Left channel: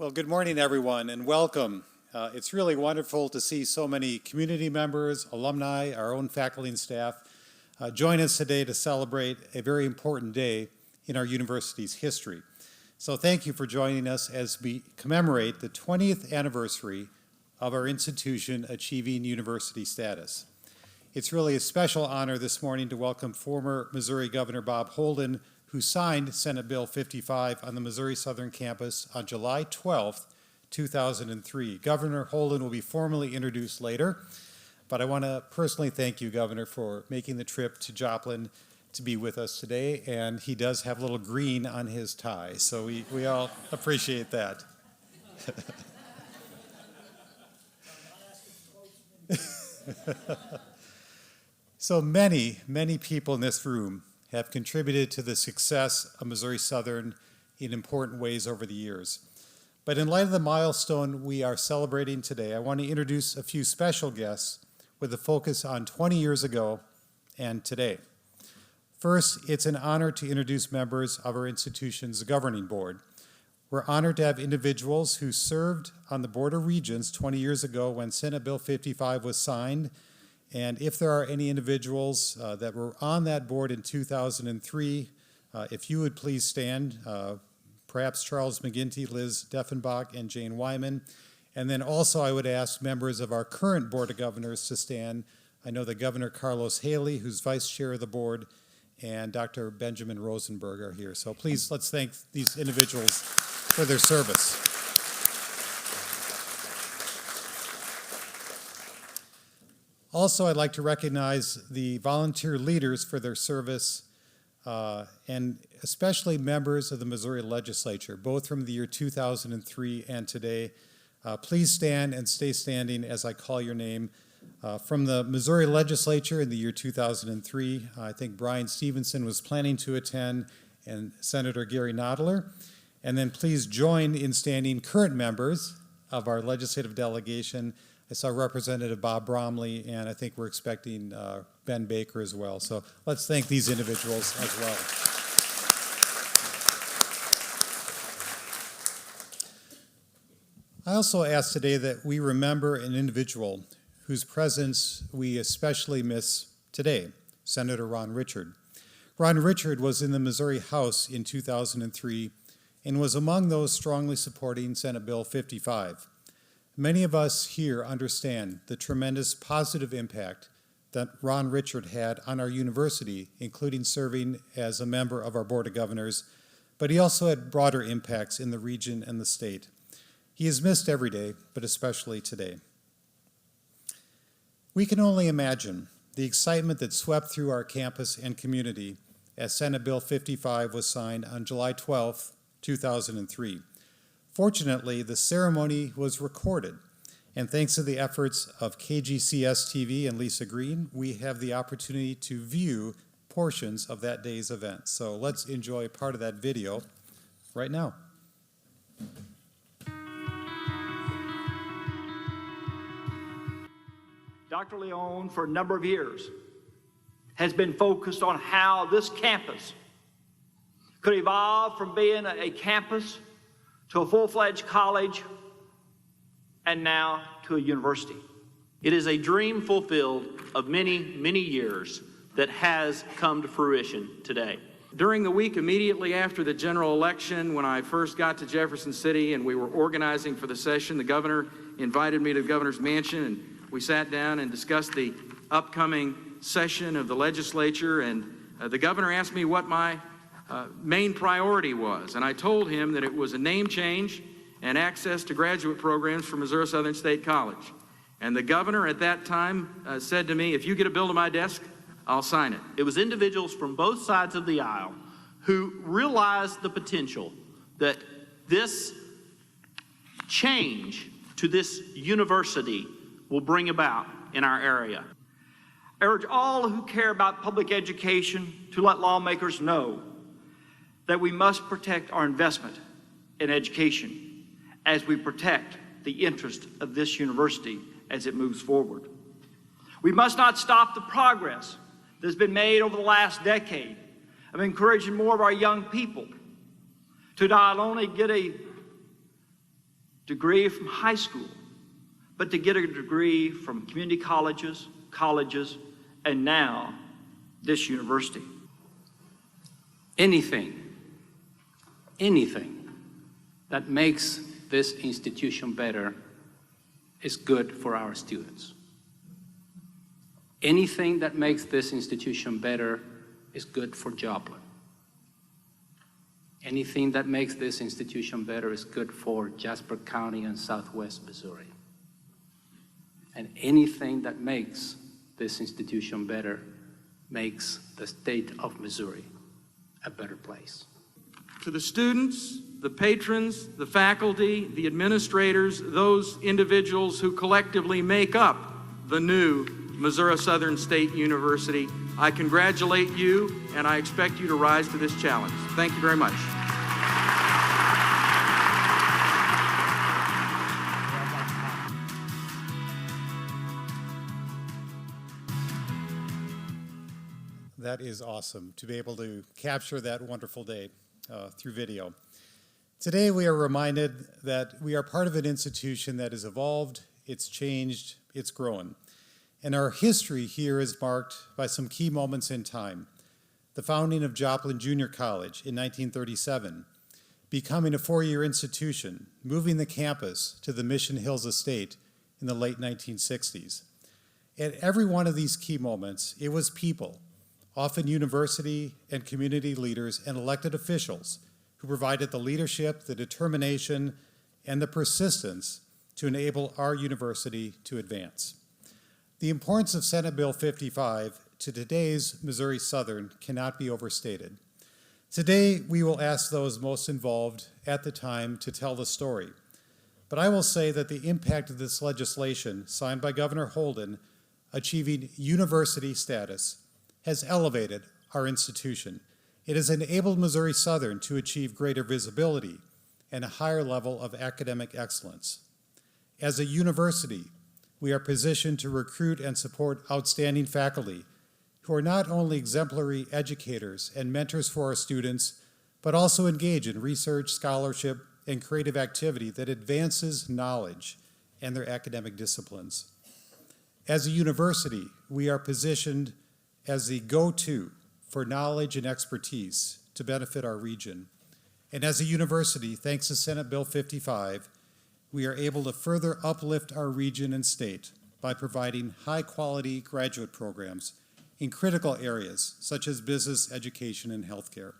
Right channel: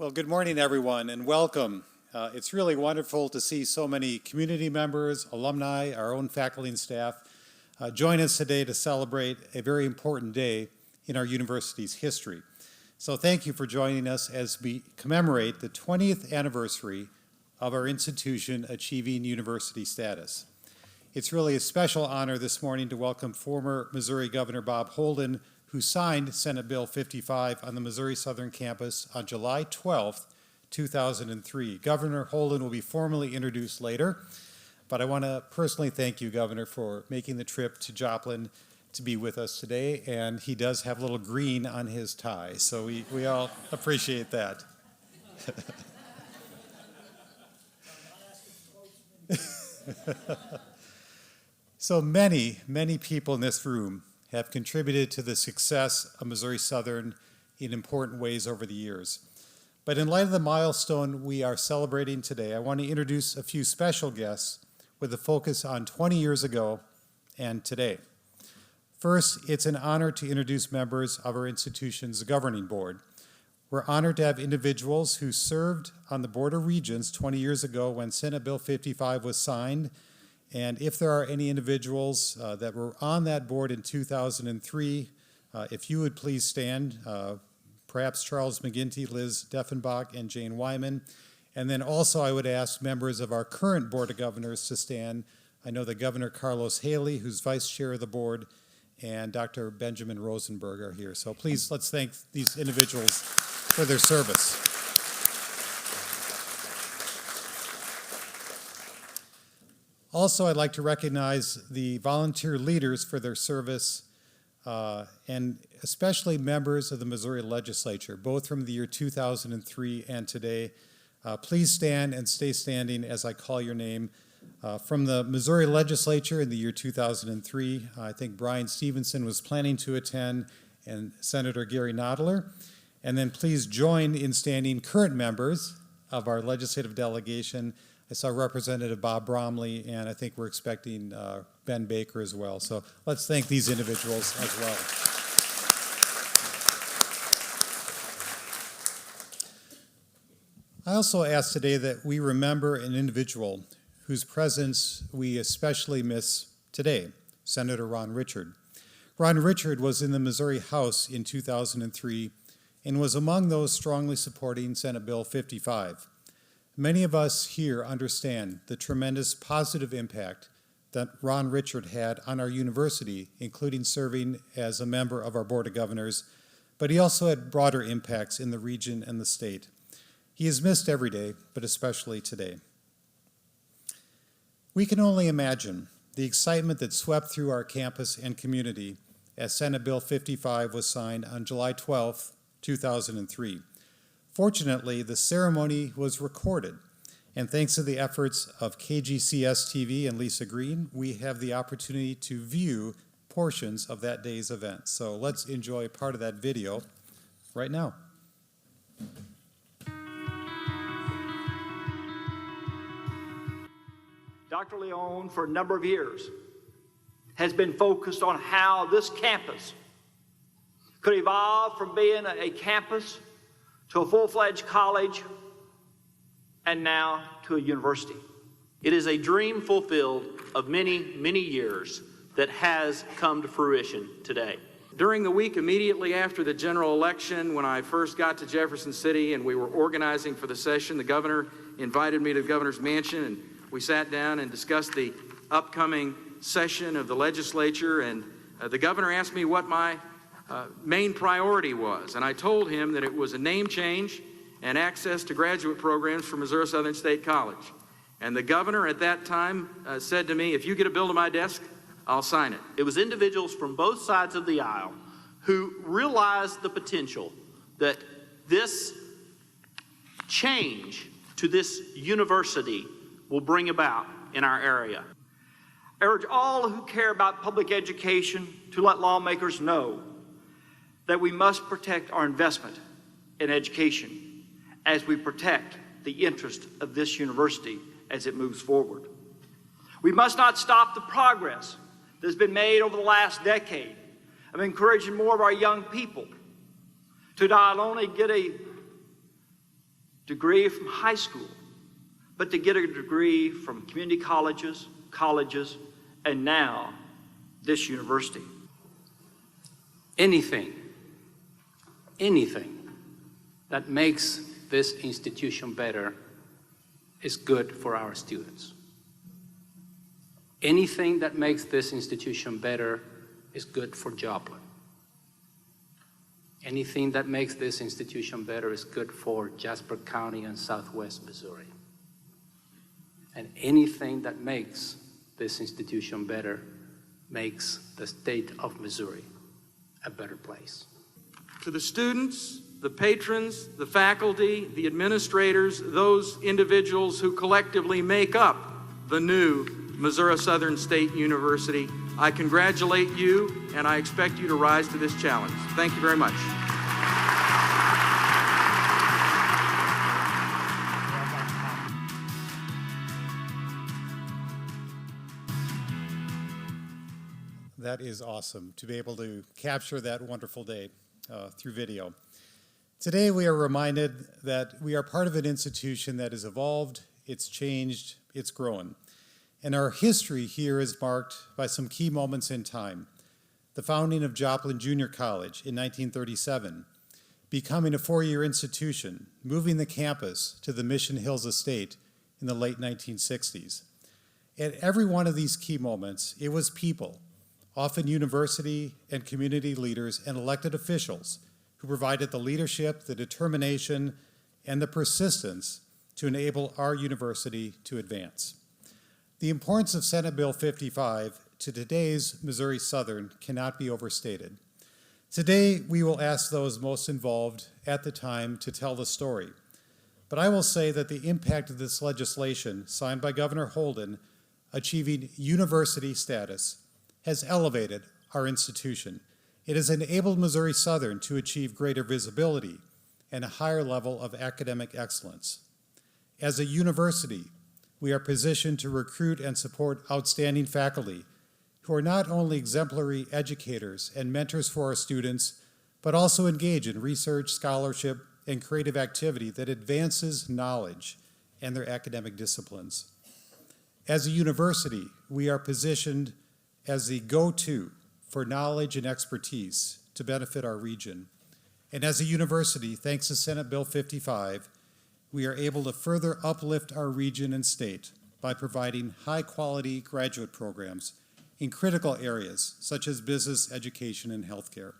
Well, good morning, everyone, and welcome. It's really wonderful to see so many community members, alumni, our own faculty and staff join us today to celebrate a very important day in our university's history. So thank you for joining us as we commemorate the 20th anniversary of our institution achieving university status. It's really a special honor this morning to welcome former Missouri Governor Bob Holden, who signed Senate Bill 55 on the Missouri Southern campus on July 12, 2003. Governor Holden will be formally introduced later, but I want to personally thank you, Governor, for making the trip to Joplin to be with us today, and he does have a little green on his tie, so we all appreciate that. So many people in this room have contributed to the success of Missouri Southern in important ways over the years. But in light of the milestone we are celebrating today, I want to introduce a few special guests with a focus on 20 years ago and today. First, it's an honor to introduce members of our institution's governing board. We're honored to have individuals who served on the Board of Regents 20 years ago when Senate Bill 55 was signed. And if there are any individuals that were on that board in 2003, if you would please stand, perhaps Charles McGinty, Liz Deffenbach, and Jane Wyman. And then also I would ask members of our current Board of Governors to stand. I know that Governor Carlos Haley, who's vice chair of the board, and Dr. Benjamin Rosenberg are here. So please, let's thank these individuals for their service. Also, I'd like to recognize the volunteer leaders for their service, and especially members of the Missouri Legislature, both from the year 2003 and today. Please stand and stay standing as I call your name. From the Missouri Legislature in the year 2003, I think Brian Stevenson was planning to attend, and Senator Gary Nottler. And then please join in standing current members of our legislative delegation. I saw Representative Bob Bromley, and I think we're expecting Ben Baker as well. So let's thank these individuals as well. I also ask today that we remember an individual whose presence we especially miss today, Senator Ron Richard. Ron Richard was in the Missouri House in 2003 and was among those strongly supporting Senate Bill 55. Many of us here understand the tremendous positive impact that Ron Richard had on our university, including serving as a member of our Board of Governors, but he also had broader impacts in the region and the state. He is missed every day, but especially today. We can only imagine the excitement that swept through our campus and community as Senate Bill 55 was signed on July 12, 2003. Fortunately, the ceremony was recorded, and thanks to the efforts of KGCS TV and Lisa Green, we have the opportunity to view portions of that day's event. So let's enjoy part of that video right now. Dr. Leone, for a number of years, has been focused on how this campus could evolve from being a campus to a full-fledged college, and now to a university. It is a dream fulfilled of many, many years that has come to fruition today. During the week immediately after the general election, when I first got to Jefferson City and we were organizing for the session, the governor invited me to the governor's mansion, and we sat down and discussed the upcoming session of the legislature, and the governor asked me what my main priority was, and I told him that it was a name change and access to graduate programs for Missouri Southern State College. And the governor at that time said to me, if you get a bill to my desk, I'll sign it. It was individuals from both sides of the aisle who realized the potential that this change to this university will bring about in our area. I urge all who care about public education to let lawmakers know that we must protect our investment in education as we protect the interest of this university as it moves forward. We must not stop the progress that has been made over the last decade of encouraging more of our young people to not only get a degree from high school, but to get a degree from community colleges, and now this university. Anything that makes this institution better is good for our students. Anything that makes this institution better is good for Joplin. Anything that makes this institution better is good for Jasper County and Southwest Missouri. And anything that makes this institution better makes the state of Missouri a better place. To the students, the patrons, the faculty, the administrators, those individuals who collectively make up the new Missouri Southern State University, I congratulate you and I expect you to rise to this challenge. Thank you very much. That is awesome to be able to capture that wonderful day through video. Today we are reminded that we are part of an institution that has evolved, it's changed, it's grown. And our history here is marked by some key moments in time. The founding of Joplin Junior College in 1937, becoming a four-year institution, moving the campus to the Mission Hills Estate in the late 1960s. At every one of these key moments, it was people, often university and community leaders and elected officials, who provided the leadership, the determination, and the persistence to enable our university to advance. The importance of Senate Bill 55 to today's Missouri Southern cannot be overstated. Today, we will ask those most involved at the time to tell the story. But I will say that the impact of this legislation, signed by Governor Holden, achieving university status, has elevated our institution. It has enabled Missouri Southern to achieve greater visibility and a higher level of academic excellence. As a university, we are positioned to recruit and support outstanding faculty who are not only exemplary educators and mentors for our students, but also engage in research, scholarship, and creative activity that advances knowledge and their academic disciplines. As a university, we are positioned as the go-to for knowledge and expertise to benefit our region. And as a university, thanks to Senate Bill 55, we are able to further uplift our region and state by providing high-quality graduate programs in critical areas such as business, education, and healthcare.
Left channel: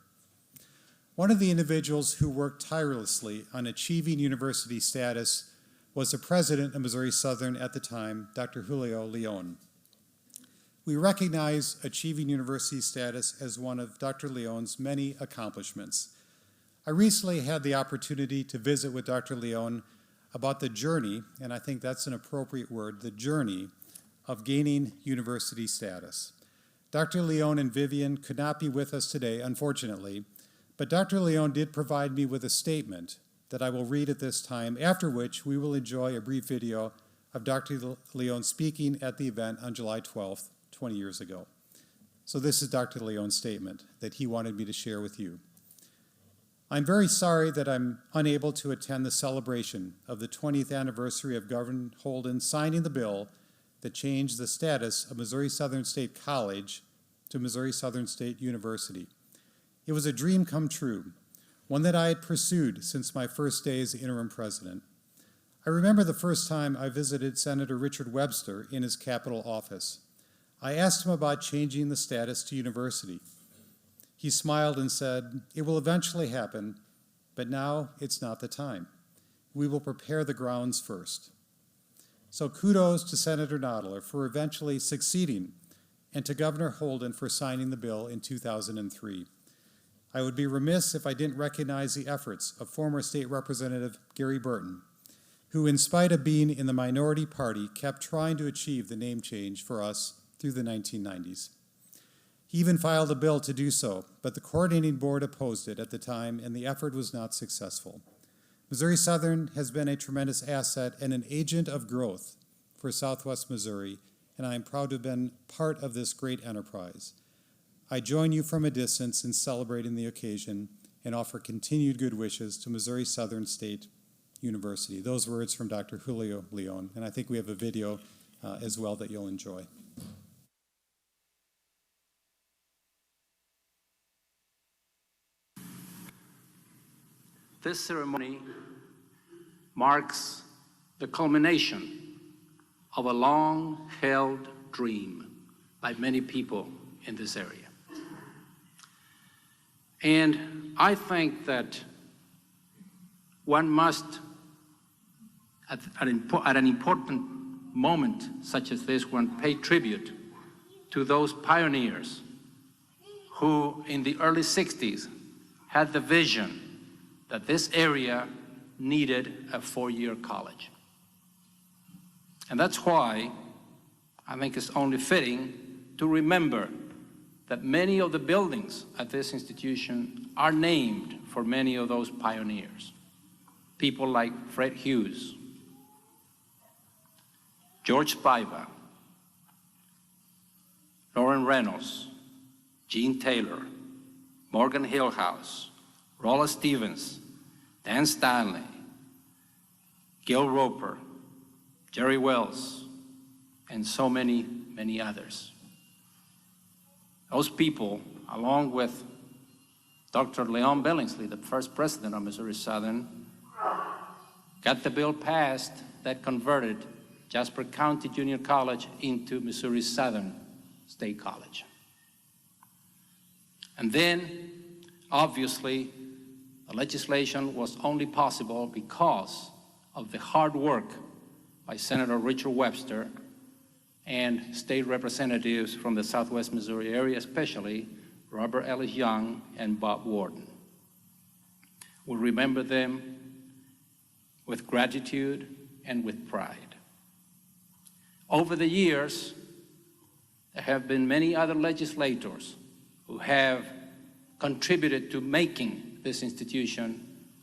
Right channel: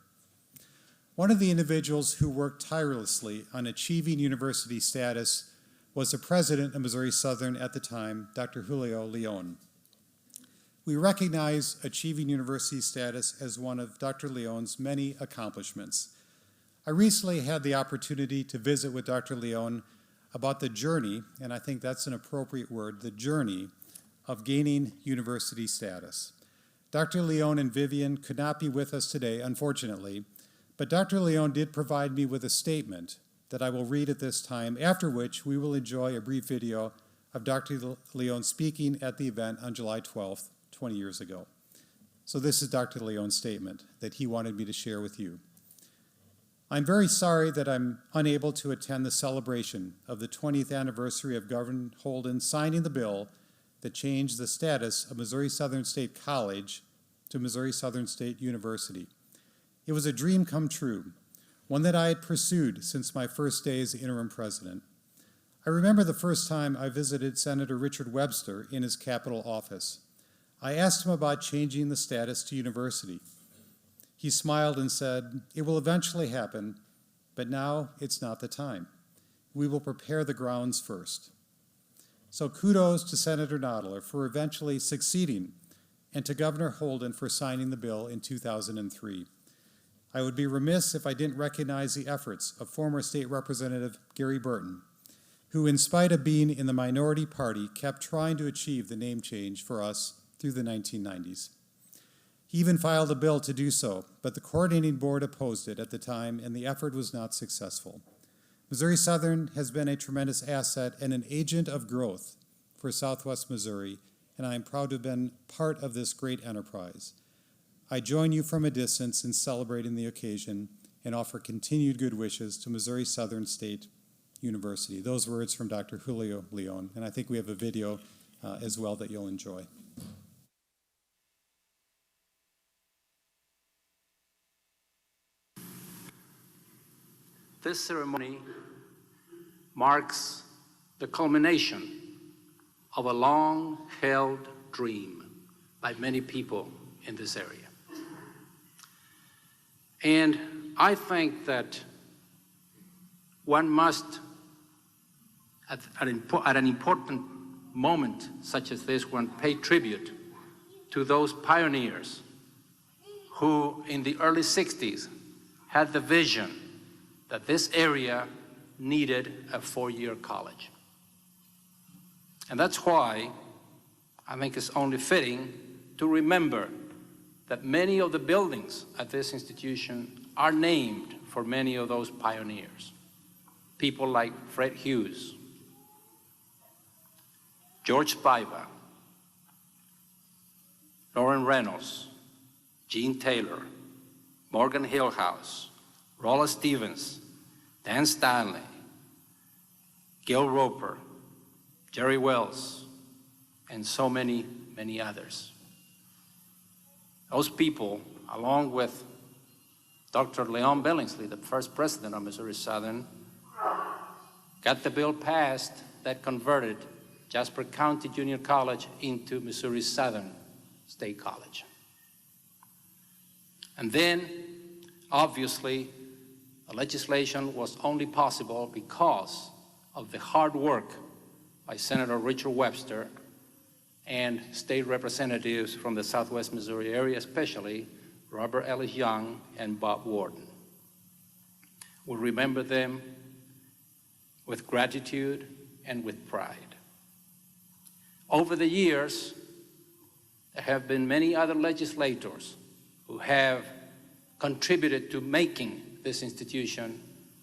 One of the individuals who worked tirelessly on achieving university status was the president of Missouri Southern at the time, Dr. Julio Leon. We recognize achieving university status as one of Dr. Leon's many accomplishments. I recently had the opportunity to visit with Dr. Leon about the journey, and I think that's an appropriate word, the journey of gaining university status. Dr. Leon and Vivian could not be with us today, unfortunately, but Dr. Leon did provide me with a statement that I will read at this time, after which we will enjoy a brief video of Dr. Leon speaking at the event on July 12th, 20 years ago. So this is Dr. Leon's statement that he wanted me to share with you. I'm very sorry that I'm unable to attend the celebration of the 20th anniversary of Governor Holden signing the bill that changed the status of Missouri Southern State College to Missouri Southern State University. It was a dream come true, one that I had pursued since my first day as interim president. I remember the first time I visited Senator Richard Webster in his Capitol office. I asked him about changing the status to university. He smiled and said, "It will eventually happen, but now it's not the time. We will prepare the grounds first." So kudos to Senator Nottler for eventually succeeding and to Governor Holden for signing the bill in 2003. I would be remiss if I didn't recognize the efforts of former State Representative Gary Burton, who, in spite of being in the minority party, kept trying to achieve the name change for us through the 1990s. He even filed a bill to do so, but the coordinating board opposed it at the time, and the effort was not successful. Missouri Southern has been a tremendous asset and an agent of growth for Southwest Missouri, and I am proud to have been part of this great enterprise. I join you from a distance in celebrating the occasion and offer continued good wishes to Missouri Southern State University. Those words from Dr. Julio Leon, and I think we have a video as well that you'll enjoy. This ceremony marks the culmination of a long-held dream by many people in this area. And I think that one must, at an important moment such as this one, pay tribute to those pioneers who in the early 60s had the vision that this area needed a four-year college. And that's why I think it's only fitting to remember that many of the buildings at this institution are named for many of those pioneers. People like Fred Hughes, George Spiva, Lauren Reynolds, Gene Taylor, Morgan Hillhouse, Rolla Stevens, Dan Stanley, Gil Roper, Jerry Wells, and so many, many others. Those people, along with Dr. Leon Billingsley, the first president of Missouri Southern, got the bill passed that converted Jasper County Junior College into Missouri Southern State College. And then, obviously, the legislation was only possible because of the hard work by Senator Richard Webster and state representatives from the Southwest Missouri area, especially Robert Ellis Young and Bob Warden. We remember them with gratitude and with pride. Over the years, there have been many other legislators who have contributed to making this institution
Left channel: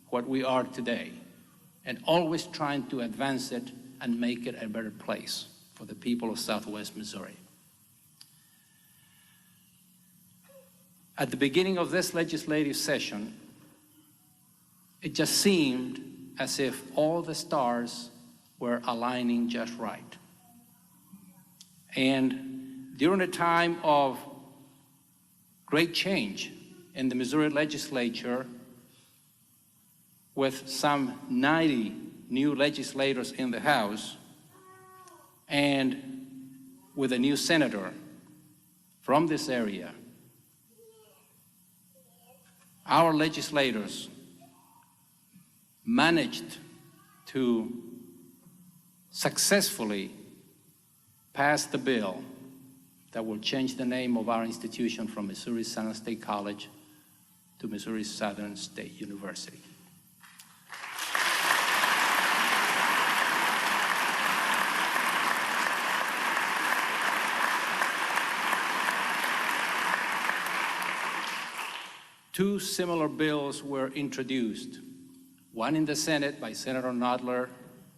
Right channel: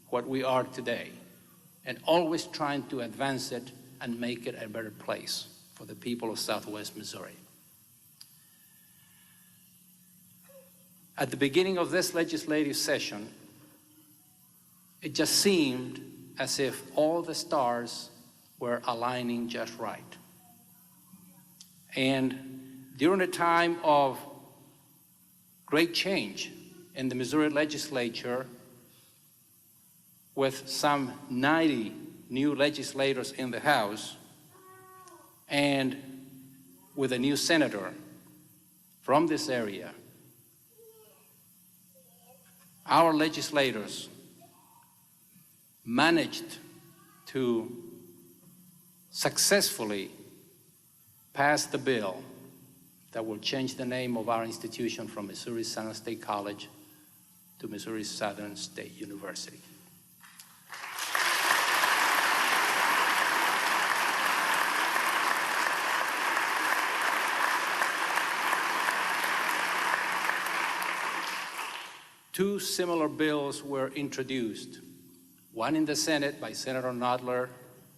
what we are today, and always trying to advance it and make it a better place for the people of Southwest Missouri. At the beginning of this legislative session, it just seemed as if all the stars were aligning just right. And during a time of great change in the Missouri legislature, with some 90 new legislators in the House, and with a new senator from this area, our legislators managed to successfully pass the bill that will change the name of our institution from Missouri Southern State College to Missouri Southern State University. Two similar bills were introduced, one in the Senate by Senator Noddler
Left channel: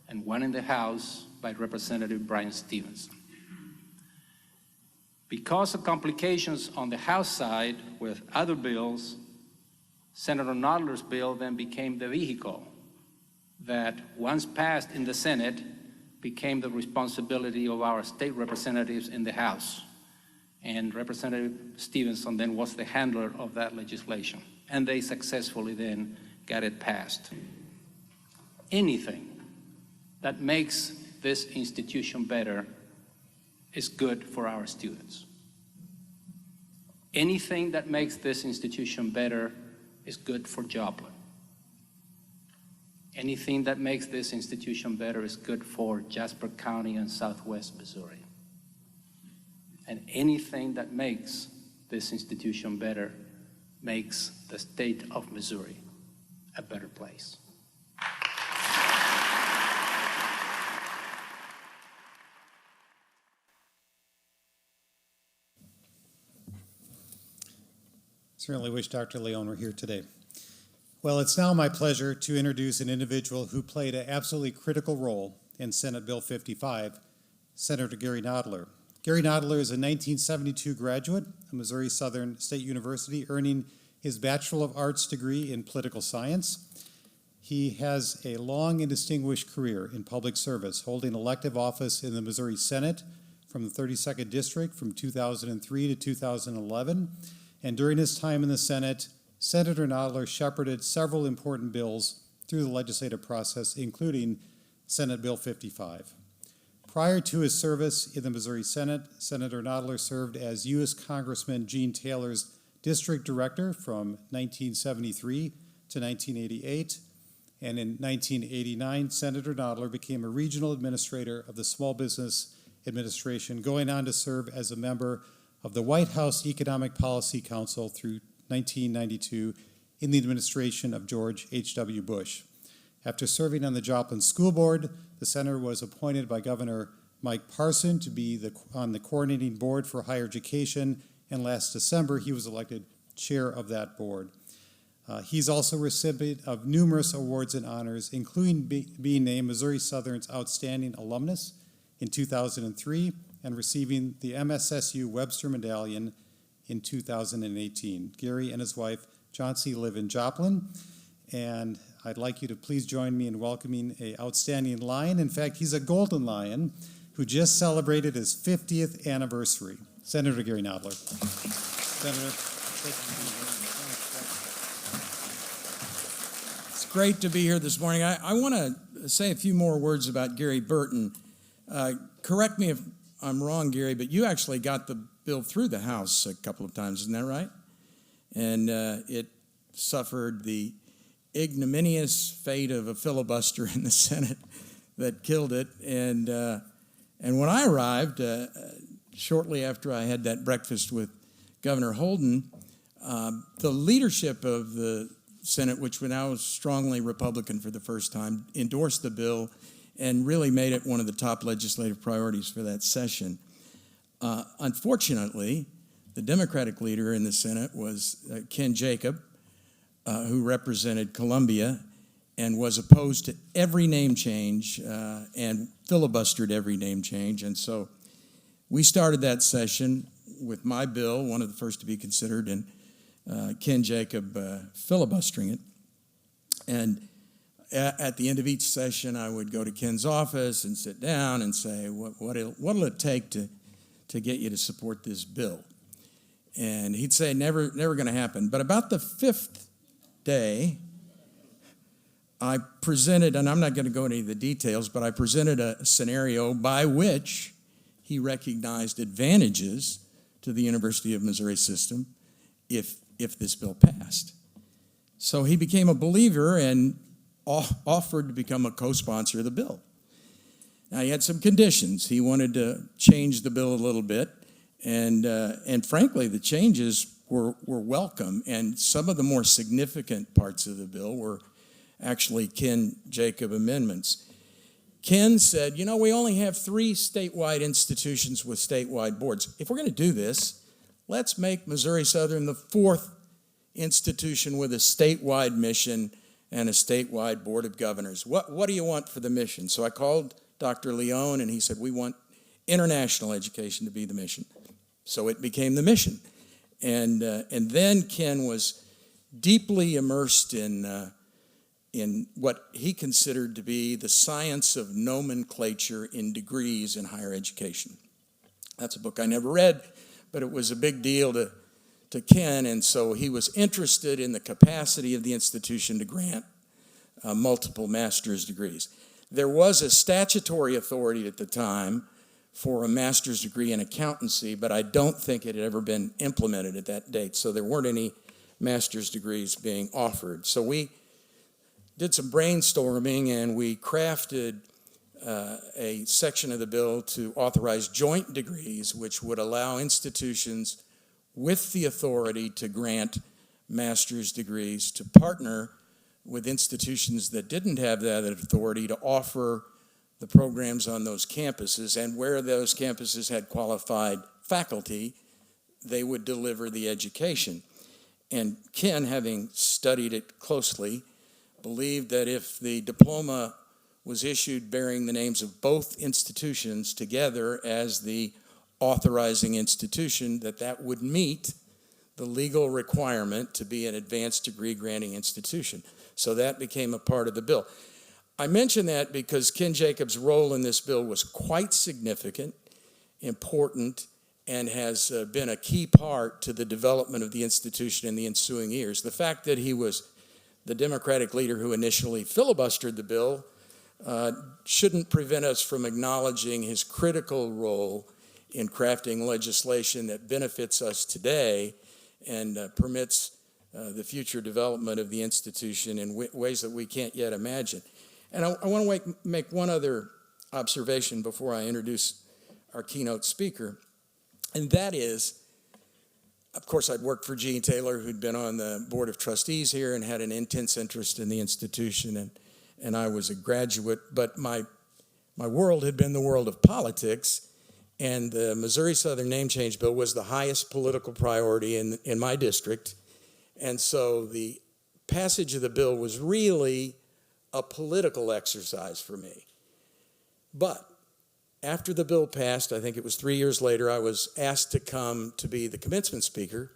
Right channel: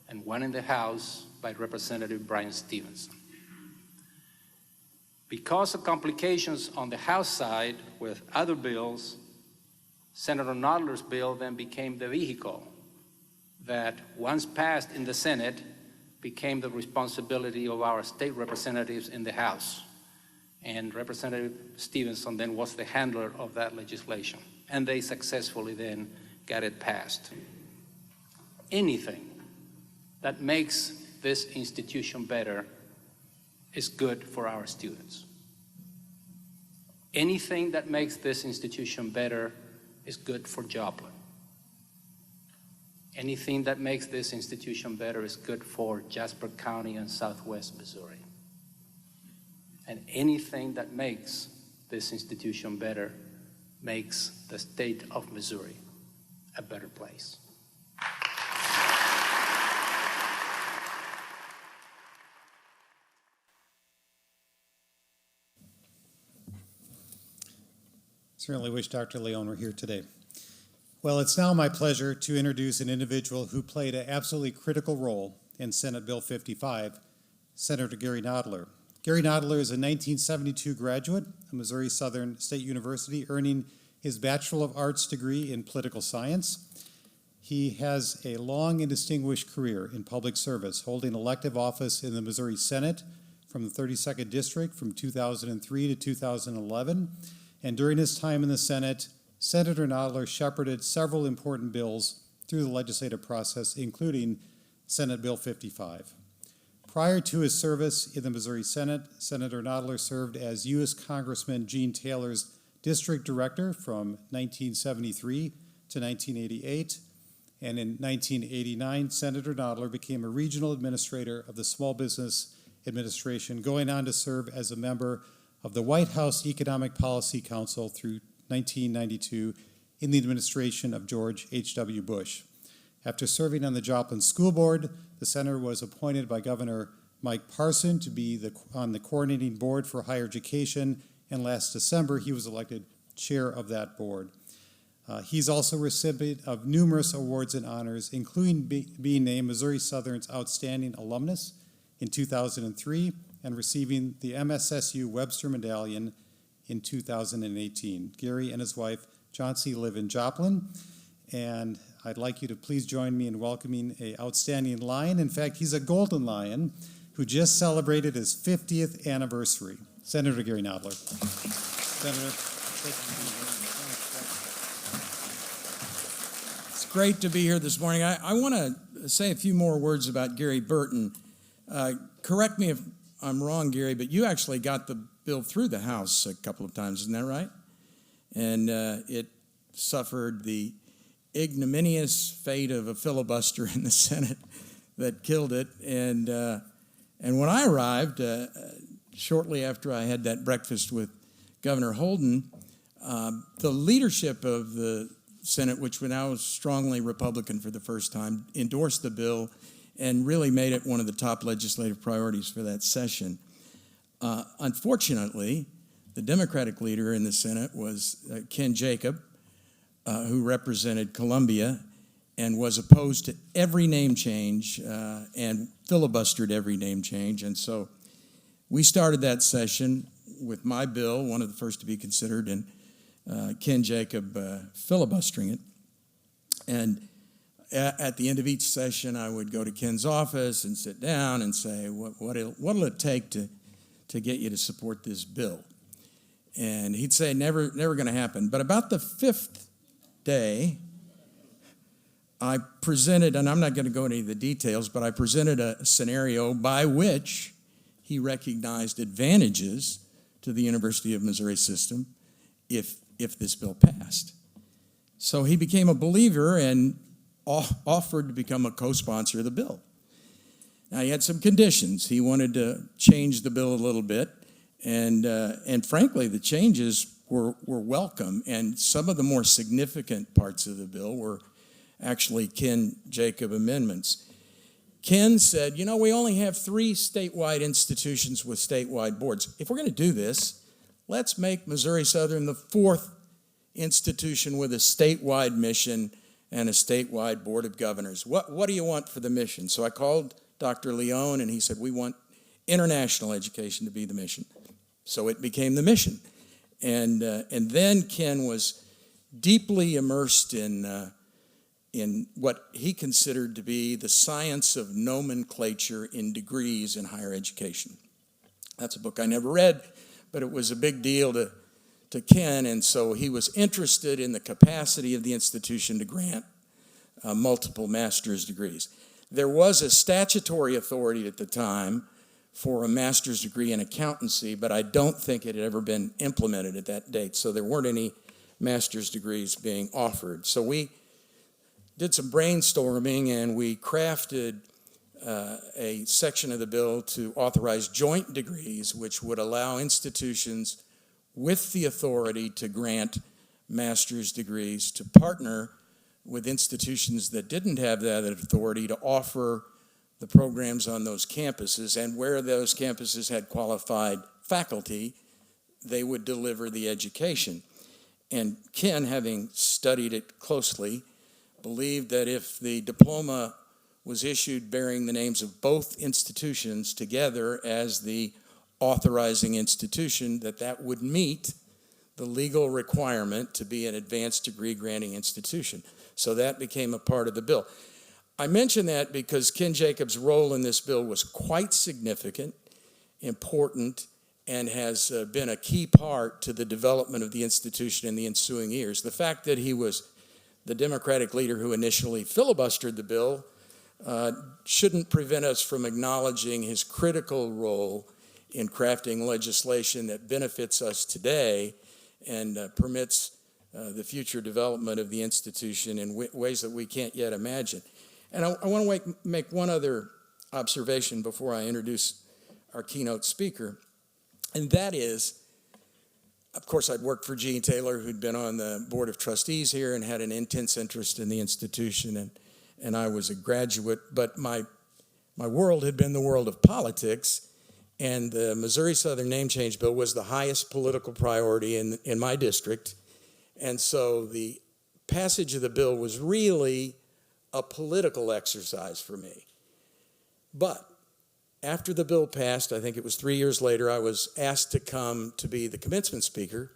and one in the House by Representative Brian Stevenson. Because of complications on the House side with other bills, Senator Noddler's bill then became the vehicle that, once passed in the Senate, became the responsibility of our state representatives in the House. And Representative Stevenson then was the handler of that legislation, and they successfully then got it passed. Anything that makes this institution better is good for our students. Anything that makes this institution better is good for job. Anything that makes this institution better is good for Jasper County and Southwest Missouri. And anything that makes this institution better makes the state of Missouri a better place. Certainly wish Dr. Leon were here today. Well, it's now my pleasure to introduce an individual who played an absolutely critical role in Senate Bill 55, Senator Gary Noddler. Gary Noddler is a 1972 graduate of Missouri Southern State University, earning his Bachelor of Arts degree in Political Science. He has a long and distinguished career in public service, holding elective office in the Missouri Senate from the 32nd District from 2003 to 2011. And during his time in the Senate, Senator Noddler shepherded several important bills through the legislative process, including Senate Bill 55. Prior to his service in the Missouri Senate, Senator Noddler served as U.S. Congressman Gene Taylor's district director from 1973 to 1988. And in 1989, Senator Noddler became a regional administrator of the Small Business Administration, going on to serve as a member of the White House Economic Policy Council through 1992 in the administration of George H.W. Bush. After serving on the Joplin School Board, the senator was appointed by Governor Mike Parson to be on the coordinating board for higher education, and last December he was elected chair of that board. He's also a recipient of numerous awards and honors, including being named Missouri Southern's Outstanding Alumnus in 2003 and receiving the MSSU Webster Medallion in 2018. Gary and his wife, Johnsy, live in Joplin, and I'd like you to please join me in welcoming an outstanding lion. In fact, he's a golden lion who just celebrated his 50th anniversary. Senator Gary Noddler. Senator, thank you for being here. Great to be here this morning. I want to say a few more words about Gary Burton. Correct me if I'm wrong, Gary, but you actually got the bill through the House a couple of times, isn't that right? And it suffered the ignominious fate of a filibuster in the Senate that killed it. And when I arrived, shortly after I had that breakfast with Governor Holden, the leadership of the Senate, which now is strongly Republican for the first time, endorsed the bill and really made it one of the top legislative priorities for that session. Unfortunately, the Democratic leader in the Senate was Ken Jacob, who represented Columbia and was opposed to every name change and filibustered every name change. And so we started that session with my bill, one of the first to be considered, and Ken Jacob filibustering it. And at the end of each session, I would go to Ken's office and sit down and say, what'll it take to get you to support this bill? And he'd say, never going to happen. But about the fifth day, I presented, and I'm not going to go into any of the details, but I presented a scenario by which he recognized advantages to the University of Missouri system if this bill passed. So he became a believer and offered to become a co-sponsor of the bill. Now, he had some conditions. He wanted to change the bill a little bit, and frankly, the changes were welcome, and some of the more significant parts of the bill were actually Ken Jacob amendments. Ken said, we only have 3 statewide institutions with statewide boards. If we're going to do this, let's make Missouri Southern the 4th institution with a statewide mission and a statewide board of governors. What do you want for the mission? So I called Dr. Leone, and he said, we want international education to be the mission. So it became the mission. And then Ken was deeply immersed in what he considered to be the science of nomenclature in degrees in higher education. That's a book I never read, but it was a big deal to Ken, and so he was interested in the capacity of the institution to grant multiple master's degrees. There was a statutory authority at the time for a master's degree in accountancy, but I don't think it had ever been implemented at that date, so there weren't any master's degrees being offered. So we did some brainstorming, and we crafted a section of the bill to authorize joint degrees, which would allow institutions with the authority to grant master's degrees to partner with institutions that didn't have that authority to offer the programs on those campuses, and where those campuses had qualified faculty, they would deliver the education. And Ken, having studied it closely, believed that if the diploma was issued bearing the names of both institutions together as the authorizing institution, that would meet the legal requirement to be an advanced degree granting institution. So that became a part of the bill. I mention that because Ken Jacobs' role in this bill was quite significant, important, and has been a key part to the development of the institution in the ensuing years. The fact that he was the Democratic leader who initially filibustered the bill shouldn't prevent us from acknowledging his critical role in crafting legislation that benefits us today and permits the future development of the institution in ways that we can't yet imagine. And I want to make one other observation before I introduce our keynote speaker, and that is, of course, I'd worked for Gene Taylor, who'd been on the Board of Trustees here and had an intense interest in the institution, and I was a graduate, but my world had been the world of politics, and the Missouri Southern Name Change Bill was the highest political priority in my district, and so the passage of the bill was really a political exercise for me. But after the bill passed, I think it was 3 years later, I was asked to come to be the commencement speaker.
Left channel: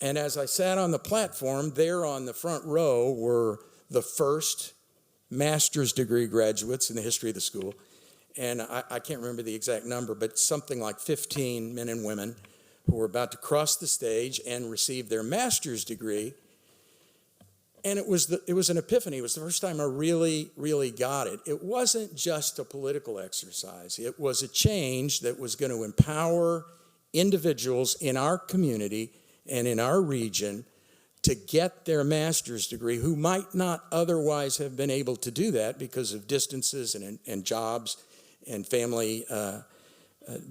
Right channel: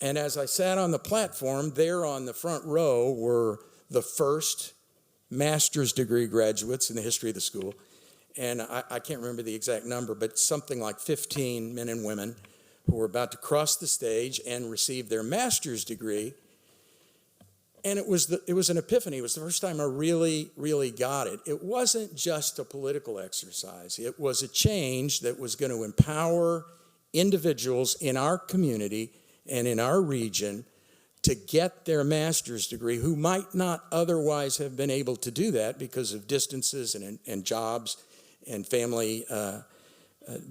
And as I sat on the platform, there on the front row were the first master's degree graduates in the history of the school. And I can't remember the exact number, but something like 15 men and women who were about to cross the stage and receive their master's degree. And it was an epiphany. It was the first time I really, really got it. It wasn't just a political exercise. It was a change that was going to empower individuals in our community and in our region to get their master's degree who might not otherwise have been able to do that because of distances and jobs and family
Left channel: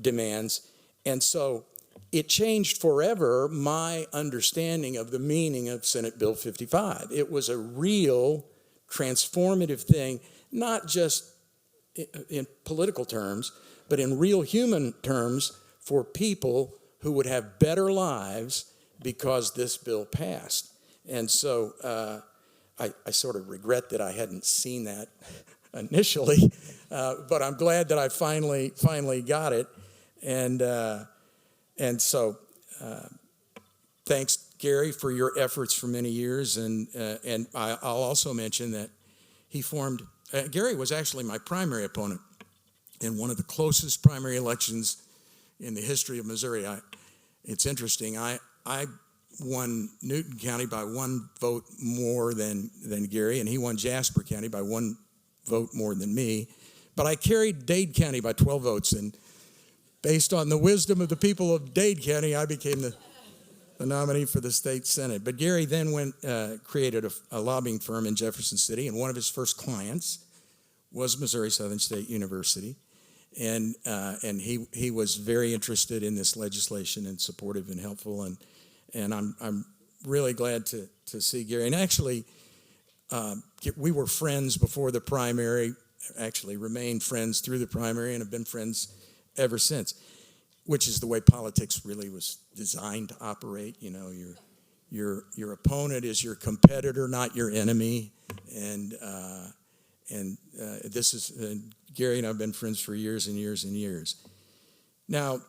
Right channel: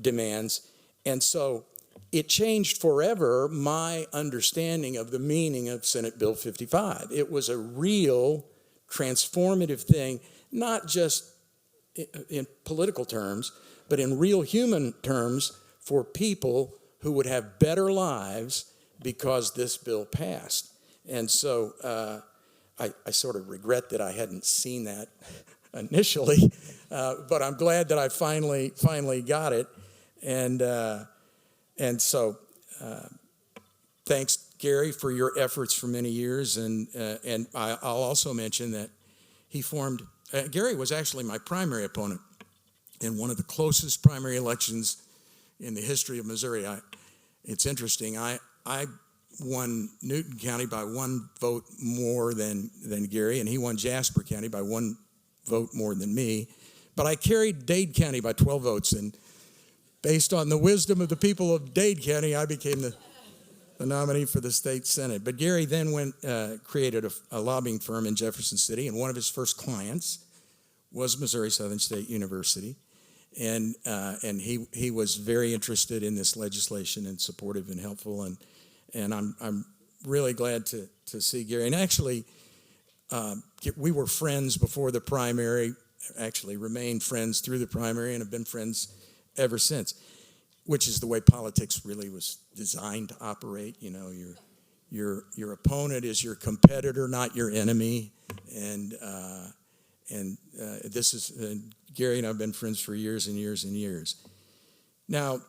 demands. And so it changed forever my understanding of the meaning of Senate Bill 55. It was a real transformative thing, not just in political terms, but in real human terms for people who would have better lives because this bill passed. And so I sort of regret that I hadn't seen that initially, but I'm glad that I finally got it. And so, thanks, Gary, for your efforts for many years. And I'll also mention that he formed, Gary was actually my primary opponent in one of the closest primary elections in the history of Missouri. It's interesting. I won Newton County by 1 vote more than Gary, and he won Jasper County by 1 vote more than me. But I carried Dade County by 12 votes, and based on the wisdom of the people of Dade County, I became the nominee for the state senate. But Gary then created a lobbying firm in Jefferson City, and one of his first clients was Missouri Southern State University. And he was very interested in this legislation and supportive and helpful. And I'm really glad to see Gary. And actually, we were friends before the primary, actually remained friends through the primary, and have been friends ever since, which is the way politics really was designed to operate. You know, your opponent is your competitor, not your enemy. And this is Gary and I have been friends for years and years and years. Now,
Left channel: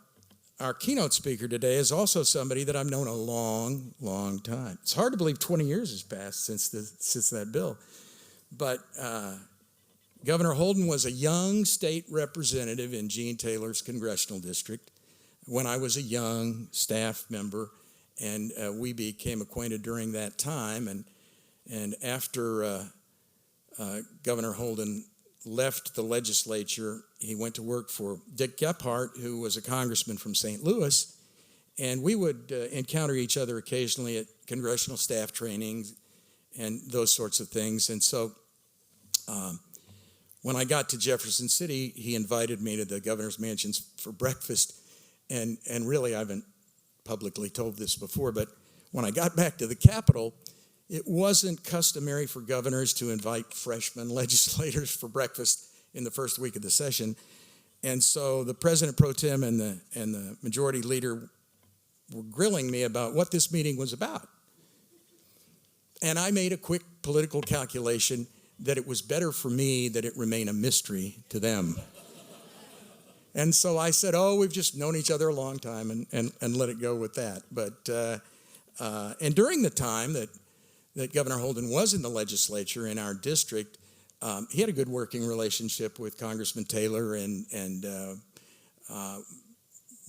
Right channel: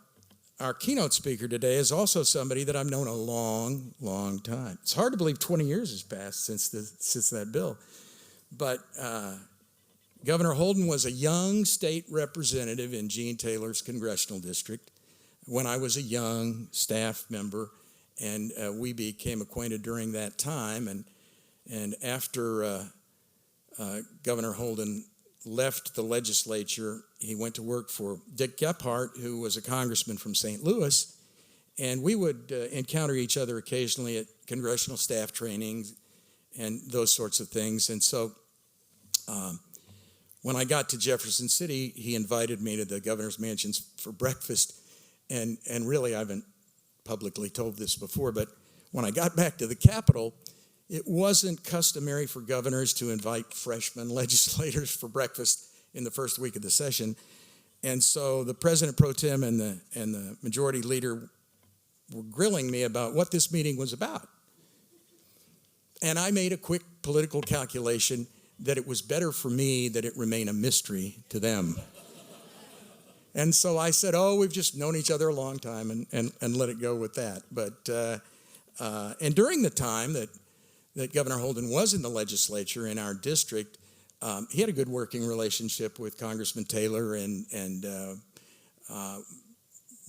our keynote speaker today is also somebody that I've known a long, long time. It's hard to believe 20 years has passed since that bill, but Governor Holden was a young state representative in Gene Taylor's congressional district when I was a young staff member, and we became acquainted during that time. And after Governor Holden left the legislature, he went to work for Dick Gephardt, who was a congressman from St. Louis, and we would encounter each other occasionally at congressional staff trainings and those sorts of things. And so when I got to Jefferson City, he invited me to the governor's mansions for breakfast. And really, I haven't publicly told this before, but when I got back to the Capitol, it wasn't customary for governors to invite freshman legislators for breakfast in the first week of the session. And so the president pro tem and the majority leader were grilling me about what this meeting was about. And I made a quick political calculation that it was better for me that it remain a mystery to them. And so I said, oh, we've just known each other a long time, and let it go with that. But and during the time that Governor Holden was in the legislature in our district, he had a good working relationship with Congressman Taylor, and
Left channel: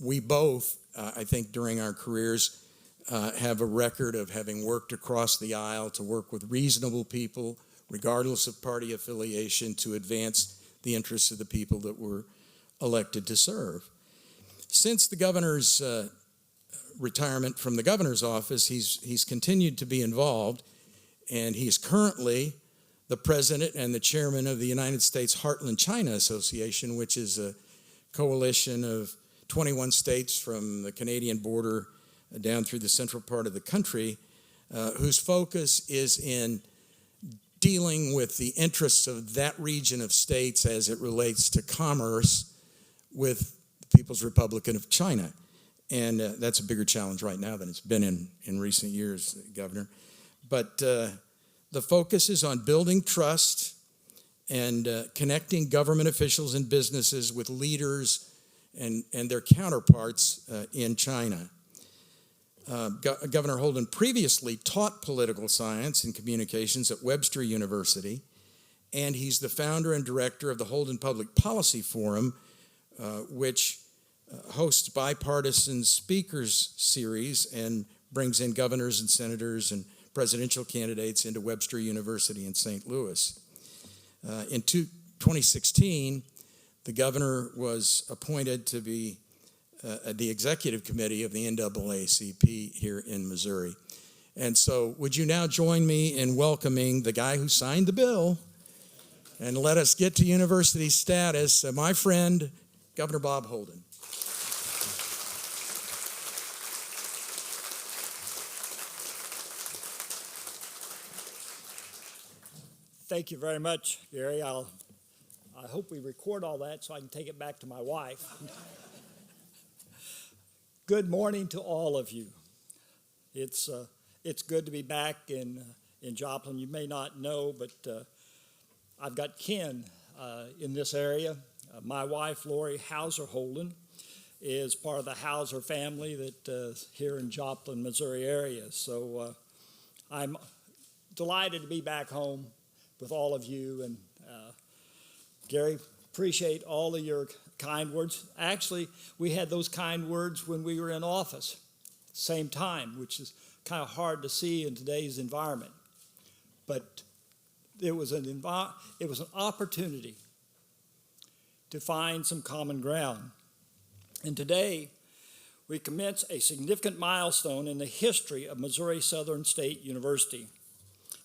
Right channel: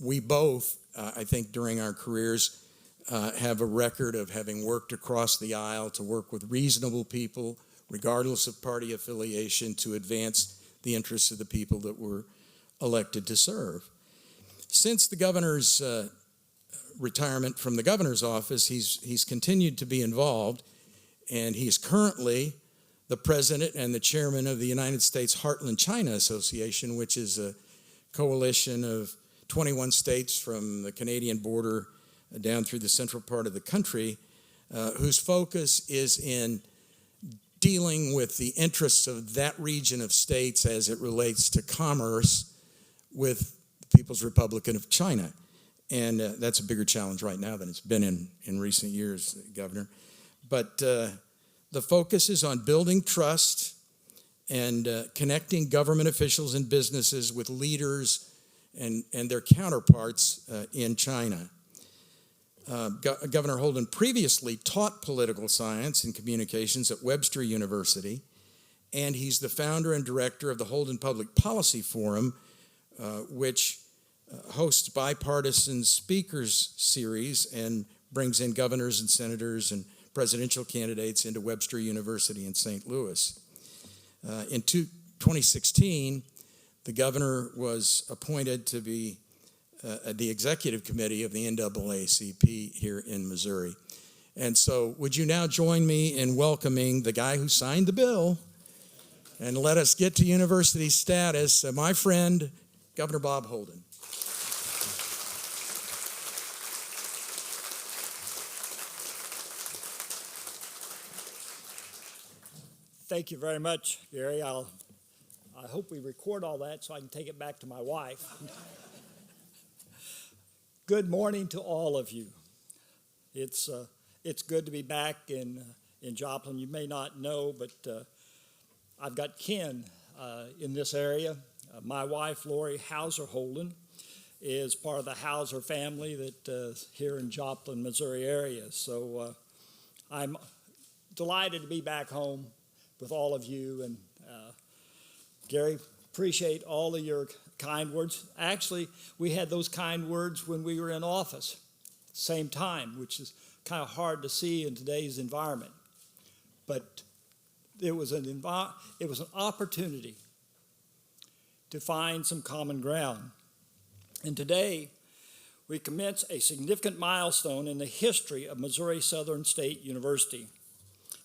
we both, I think, during our careers, have a record of having worked across the aisle to work with reasonable people, regardless of party affiliation, to advance the interests of the people that were elected to serve. Since the governor's retirement from the governor's office, he's continued to be involved, and he is currently the president and the chairman of the United States Heartland China Association, which is a coalition of 21 states from the Canadian border down through the central part of the country, whose focus is in dealing with the interests of that region of states as it relates to commerce with the People's Republic of China. And that's a bigger challenge right now than it's been in recent years, Governor. But the focus is on building trust and connecting government officials and businesses with leaders and their counterparts in China. Governor Holden previously taught political science and communications at Webster University, and he's the founder and director of the Holden Public Policy Forum, which hosts bipartisan speakers series and brings in governors and senators and presidential candidates into Webster University in St. Louis. In 2016, the governor was appointed to be the executive committee of the NAACP here in Missouri. And so would you now join me in welcoming the guy who signed the bill and let us get to university status, my friend, Governor Bob Holden. Thank you very much, Gary. I hope we record all that so I can take it back to my wife. Good morning to all of you. It's good to be back in Joplin. You may not know, but I've got kin in this area. My wife, Lori Hauser Holden, is part of the Hauser family that here in Joplin, Missouri area. So I'm delighted to be back home with all of you. And Gary, appreciate all of your kind words. Actually, we had those kind words when we were in office, same time, which is kind of hard to see in today's environment. But it was an opportunity to find some common ground. And today, we commence a significant milestone in the history of Missouri Southern State University,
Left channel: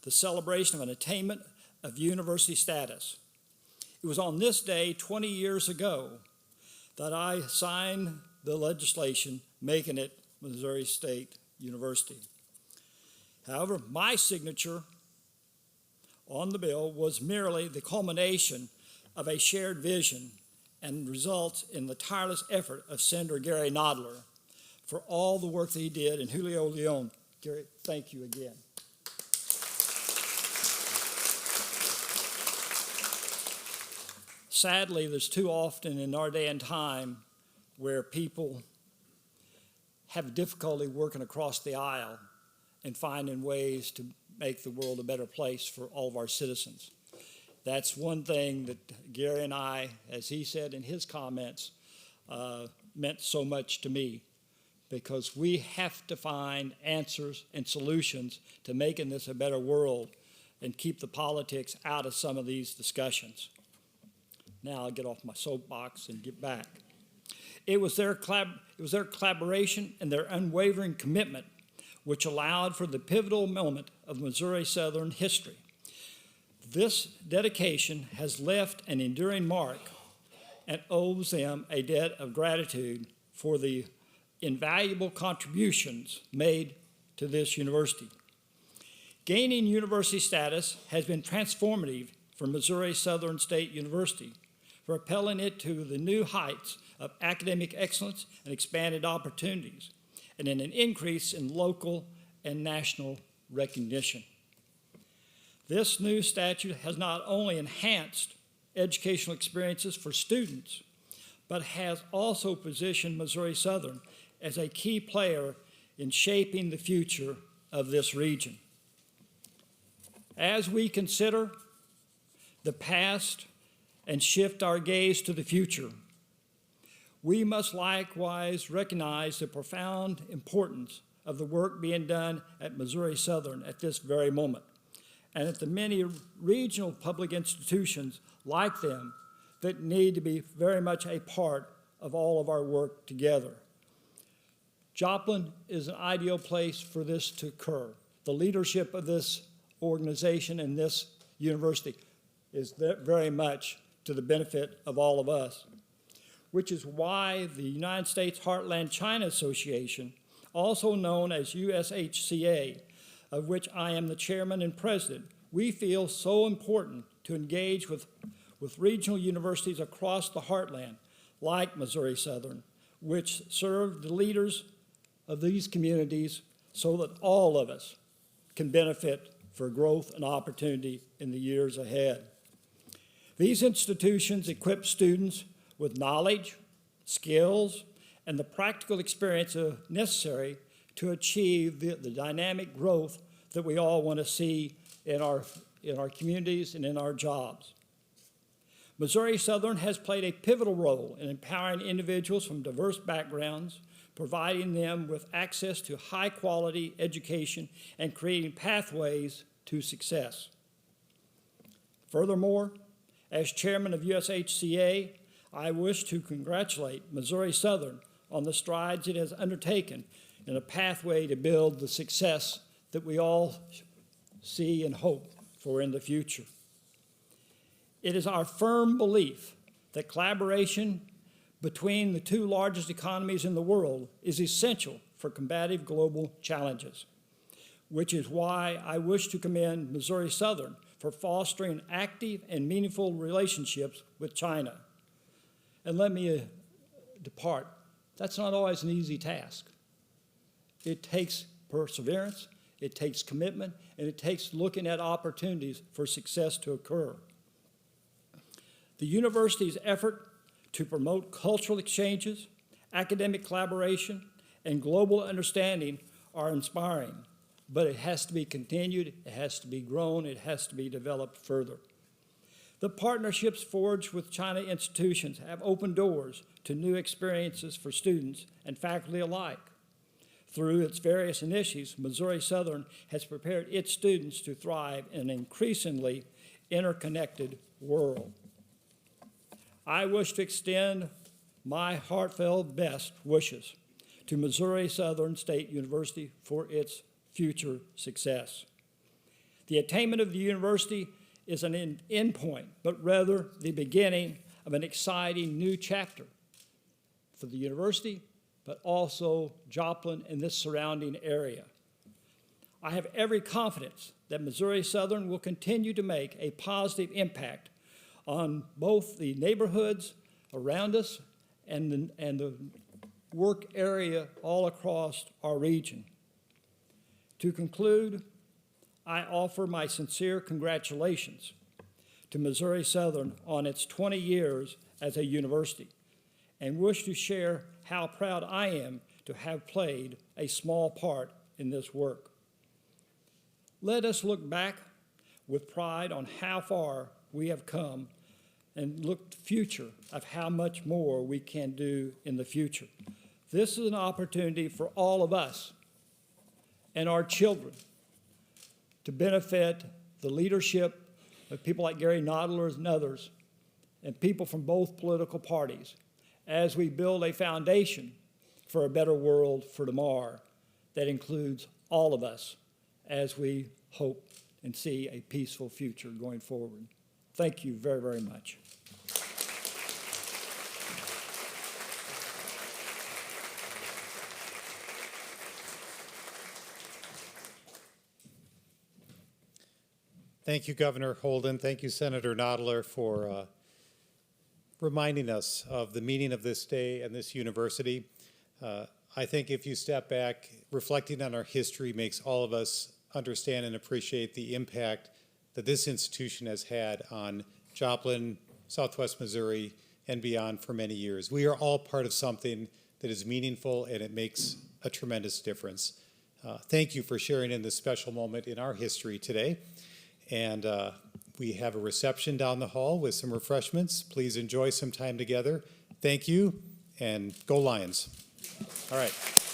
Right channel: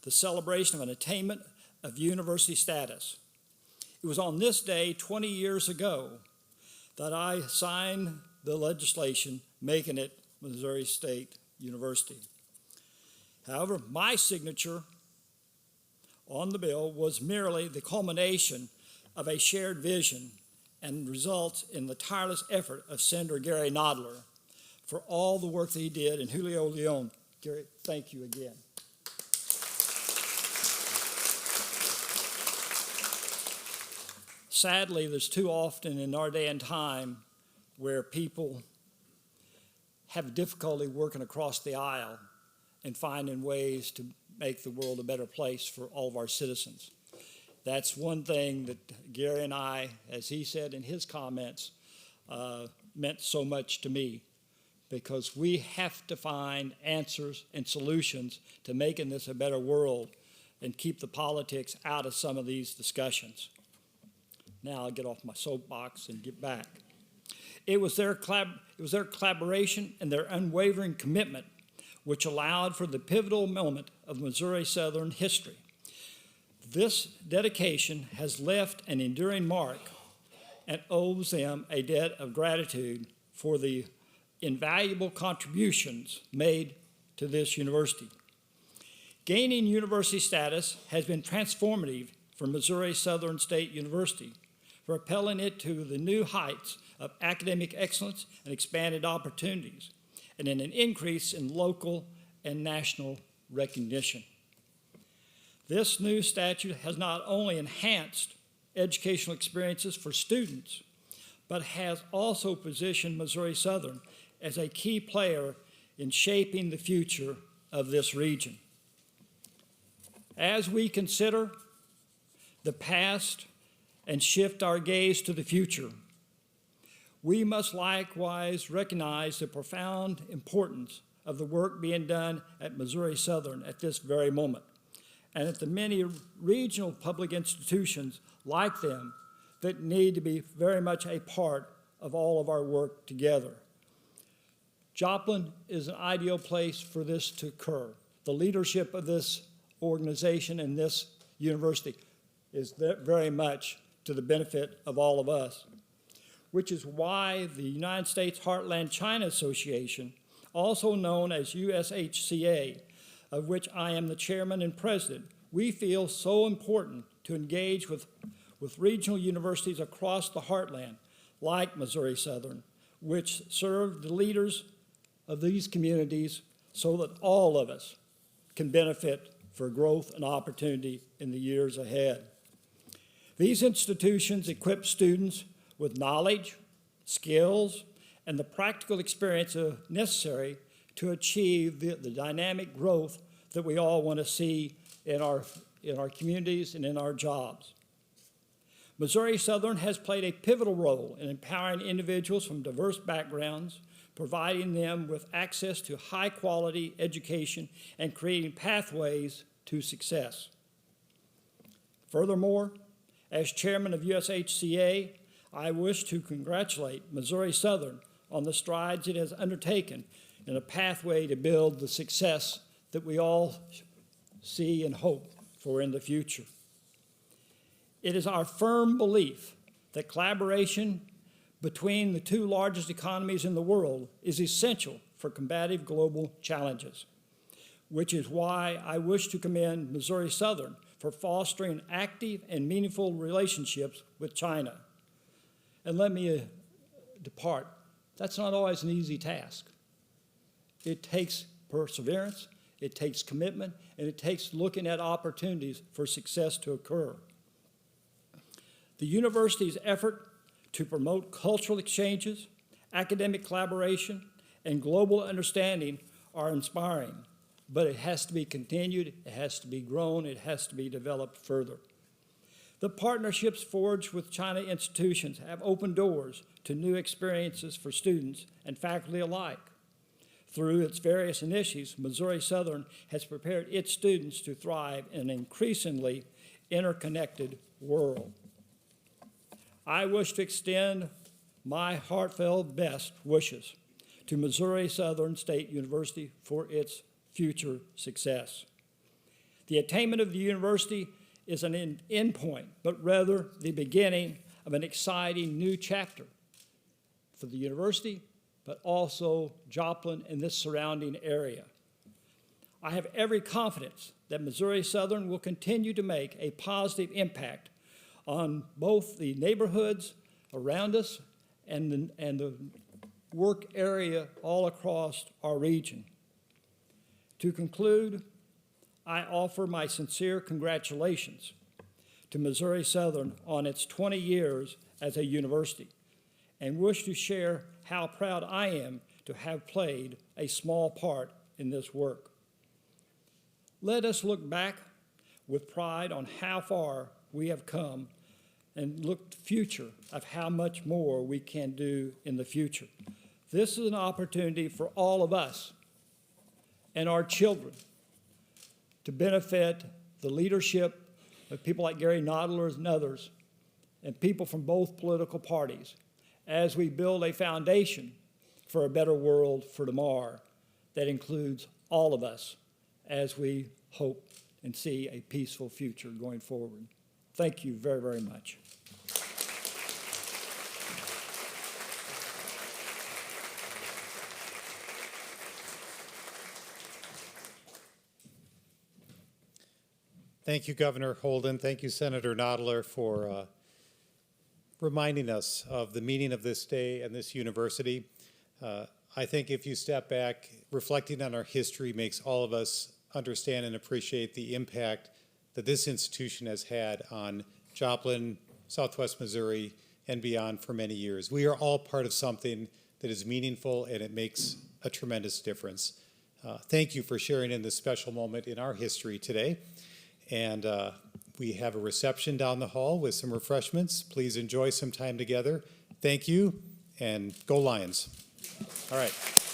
the celebration of an attainment of university status. It was on this day 20 years ago that I signed the legislation making it Missouri State University. However, my signature on the bill was merely the culmination of a shared vision and results in the tireless effort of Senator Gary Nodler for all the work that he did, and Julio Leon. Gary, thank you again. Sadly, there's too often in our day and time where people have difficulty working across the aisle and finding ways to make the world a better place for all of our citizens. That's one thing that Gary and I, as he said in his comments, meant so much to me, because we have to find answers and solutions to making this a better world and keep the politics out of some of these discussions. Now I'll get off my soapbox and get back. It was their collaboration and their unwavering commitment which allowed for the pivotal moment of Missouri Southern history. This dedication has left an enduring mark and owes them a debt of gratitude for the invaluable contributions made to this university. Gaining university status has been transformative for Missouri Southern State University, propelling it to the new heights of academic excellence and expanded opportunities, and in an increase in local and national recognition. This new statute has not only enhanced educational experiences for students, but has also positioned Missouri Southern as a key player in shaping the future of this region. As we consider the past and shift our gaze to the future, we must likewise recognize the profound importance of the work being done at Missouri Southern at this very moment, and at the many regional public institutions like them that need to be very much a part of all of our work together. Joplin is an ideal place for this to occur. The leadership of this organization and this university is very much to the benefit of all of us, which is why the United States Heartland China Association, also known as USHCA, of which I am the chairman and president, we feel so important to engage with regional universities across the heartland, like Missouri Southern, which serve the leaders of these communities so that all of us can benefit for growth and opportunity in the years ahead. These institutions equip students with knowledge, skills, and the practical experience necessary to achieve the dynamic growth that we all want to see in our communities and in our jobs. Missouri Southern has played a pivotal role in empowering individuals from diverse backgrounds, providing them with access to high-quality education and creating pathways to success. Furthermore, as chairman of USHCA, I wish to congratulate Missouri Southern on the strides it has undertaken in a pathway to build the success that we all see and hope for in the future. It is our firm belief that collaboration between the two largest economies in the world is essential for combating global challenges, which is why I wish to commend Missouri Southern for fostering active and meaningful relationships with China. And let me depart. That's not always an easy task. It takes perseverance, it takes commitment, and it takes looking at opportunities for success to occur. The university's effort to promote cultural exchanges, academic collaboration, and global understanding are inspiring, but it has to be continued, it has to be grown, it has to be developed further. The partnerships forged with China institutions have opened doors to new experiences for students and faculty alike. Through its various initiatives, Missouri Southern has prepared its students to thrive in an increasingly interconnected world. I wish to extend my heartfelt best wishes to Missouri Southern State University for its future success. The attainment of the university is an endpoint, but rather the beginning of an exciting new chapter for the university, but also Joplin and this surrounding area. I have every confidence that Missouri Southern will continue to make a positive impact on both the neighborhoods around us and the work area all across our region. To conclude, I offer my sincere congratulations to Missouri Southern on its 20 years as a university and wish to share how proud I am to have played a small part in this work. Let us look back with pride on how far we have come and look to the future of how much more we can do in the future. This is an opportunity for all of us and our children to benefit the leadership of people like Gary Noddler and others, and people from both political parties, as we build a foundation for a better world for tomorrow that includes all of us as we hope and see a peaceful future going forward. Thank you very, very much. Thank you, Governor Holden. Thank you, Senator Noddler, for reminding us of the meaning of this day and this university. I think if you step back, reflecting on our history makes all of us understand and appreciate the impact that this institution has had on Joplin, Southwest Missouri, and beyond for many years. We are all part of something that is meaningful, and it makes a tremendous difference. Thank you for sharing in this special moment in our history today. And we have a reception down the hall with some refreshments. Please enjoy some time together. Thank you, and go Lions. All right.